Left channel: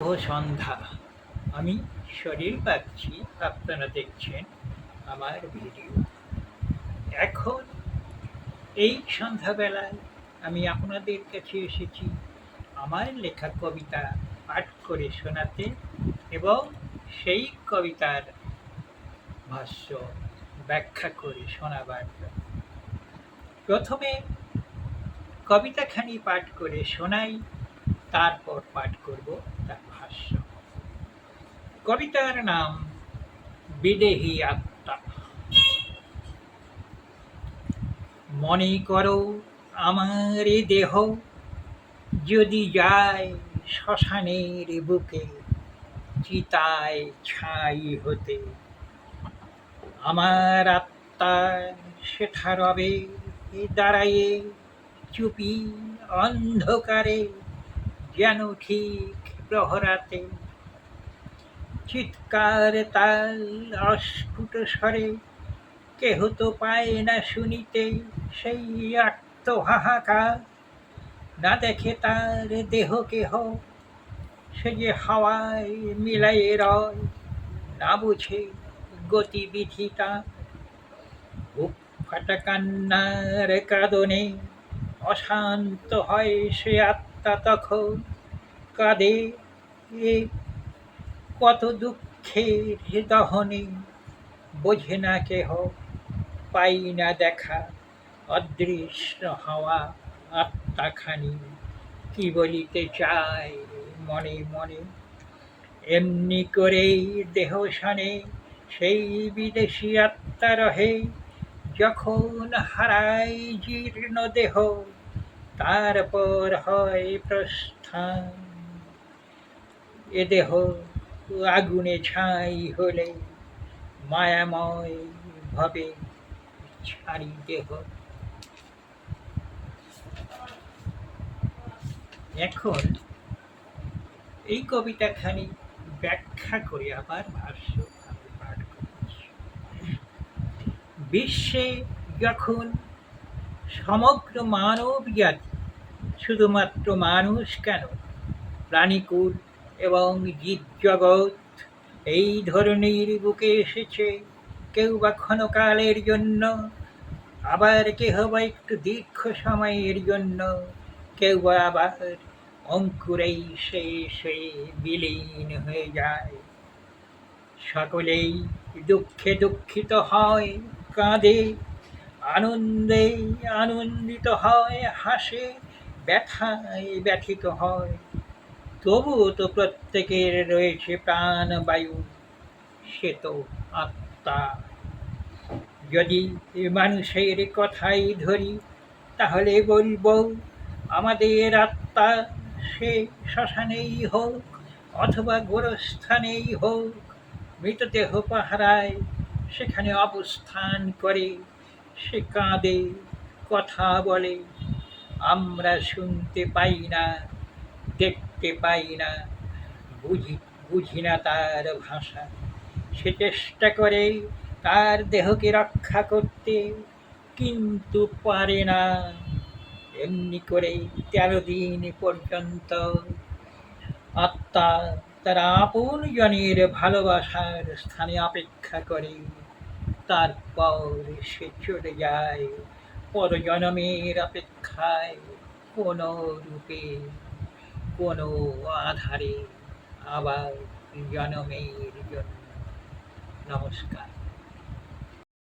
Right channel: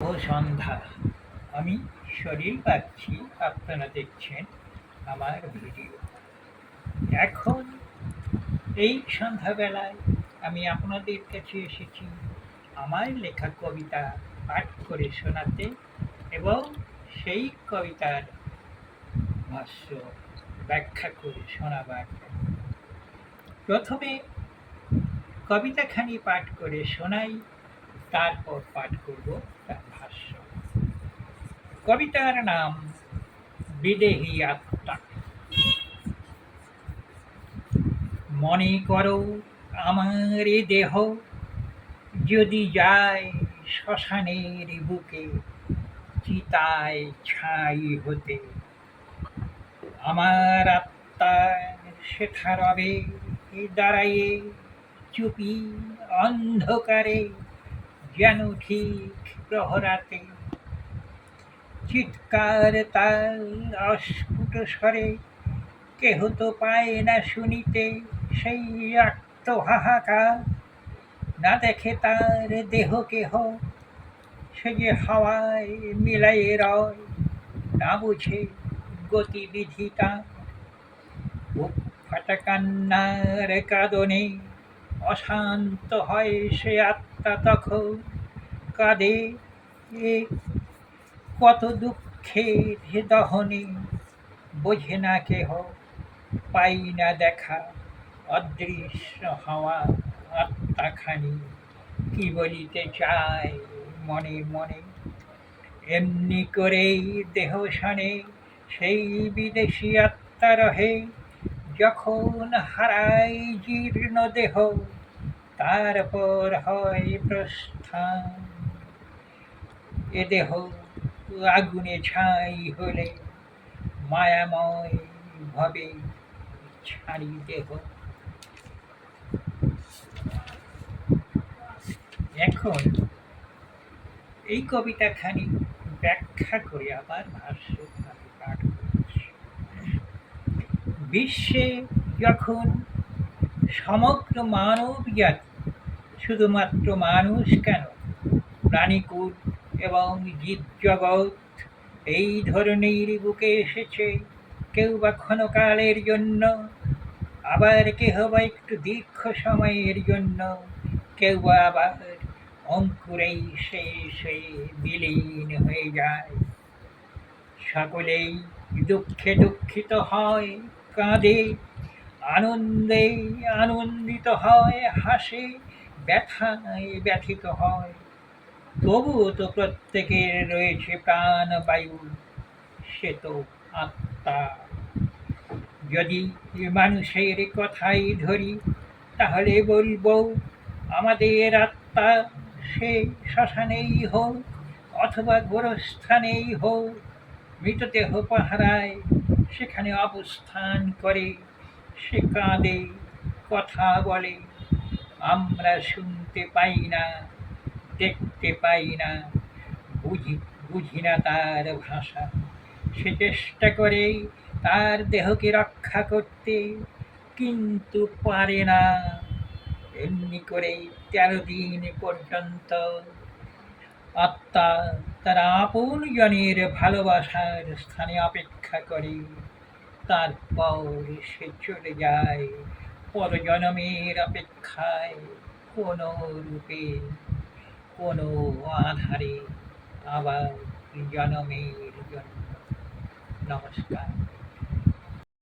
ও সন্ধ্যা, আমি শরীর পাচ্ছি, আপনারা দেখছেন আমার ভিডিও। এখন এই সন্ধ্যাবেলায় আমি আপনাদের কাছে এসেছি আমার লেখা কবিতা পাঠ করে শোনাতে এবং সেই কবিতার ভাষ্য ব্যাখ্যা করে শোনাবার জন্য। প্রথমে কবিতাখানি পাঠ করে শোনাই, তারপর পাঠ করব তার ভাষ্য। কবিতার নাম বিদেহী আত্মা। মনে করো আমার এ দেহ যদি যায় শ্মশানের বুকে চিতায় ছাই হতে, আমার আত্মা সেথা রবে দাঁড়ায়ে চুপি অন্ধকারে, যেন ঠিক প্রহরাতে। চিৎকার তাল অস্ফুট স্বরে কেহ তো পায় না শুনিতে, সেই আর্ত হাহাকার না দেখে তার দেহ কেহ, সে যে হাওয়ায় মিলায়ে রয়, না বুঝে গতিবিধি তার। বুক ফাটা কান্নার কাঁদনে অশান্ত হয় সে আত্মা তখন, কাঁদে এ কত দুঃখের দহনে, বোঝে না কেহ, পাই না দেখা অদৃশ্য হওয়া আত্মাখানি কি বলিতে চায় মনে মনে। এমনি করেই দেহ সনে সেই বিদেশী আত্মা রহে, যখন হারাই জীর্ণ দেহ তারপর হয় প্রস্থান। এ দেহ আগুনে ছাই হলে মায়াময় ভবে ছাড়ি দেহ। এখন এই কবিতাখানি ব্যাখ্যা করে আবার ভাষ্য আমি পাঠ করছি। বিশ্বে যখন সমগ্র মানব জাতি, শুধুমাত্র মানুষ কেন, প্রাণীকুল এবং জীবজগৎ এই ধরনের বুকে এসেছে, কেউ বা ক্ষণকালের জন্য, আবার কেহ বা একটু দীর্ঘ সময়ের জন্য, কেউ বা আবার অঙ্কুরেই শেষ হয়ে বিলীন হয়ে যায়। সকলেই দুঃখে দুঃখিত হয়, কাঁদে, আনন্দে আনন্দিত হয়, হাসে, ব্যথায় ব্যথিত হয়। তবুও তো প্রত্যেকের রয়েছে প্রাণবায়ু, সে তো আত্মা। যদি মানুষের কথাই ধরি, তাহলে বলবো আমাদের আত্মা সে শ্মশানেই হোক অথবা গোরস্থানেই হোক, মৃতদেহ পাহারায় সেখানে অবস্থান করে, সে কাঁদে, কথা বলে, আমরা শুনতে পাই না, দেখতে পাই না, বুঝি বুঝি না তার ভাষা। সে চেষ্টা করে তার দেহকে রক্ষা করতে, কিন্তু পারে না। এমনি করে 13 দিন পর্যন্ত আত্মা তার আপন জনের ভালোবাসার স্থানে অপেক্ষা করে, তারপর সে চলে যায় পরজন্মের অপেক্ষায়, কোনো রূপে কোনো আধারে আবার জন্মের জন্য। নমস্কার।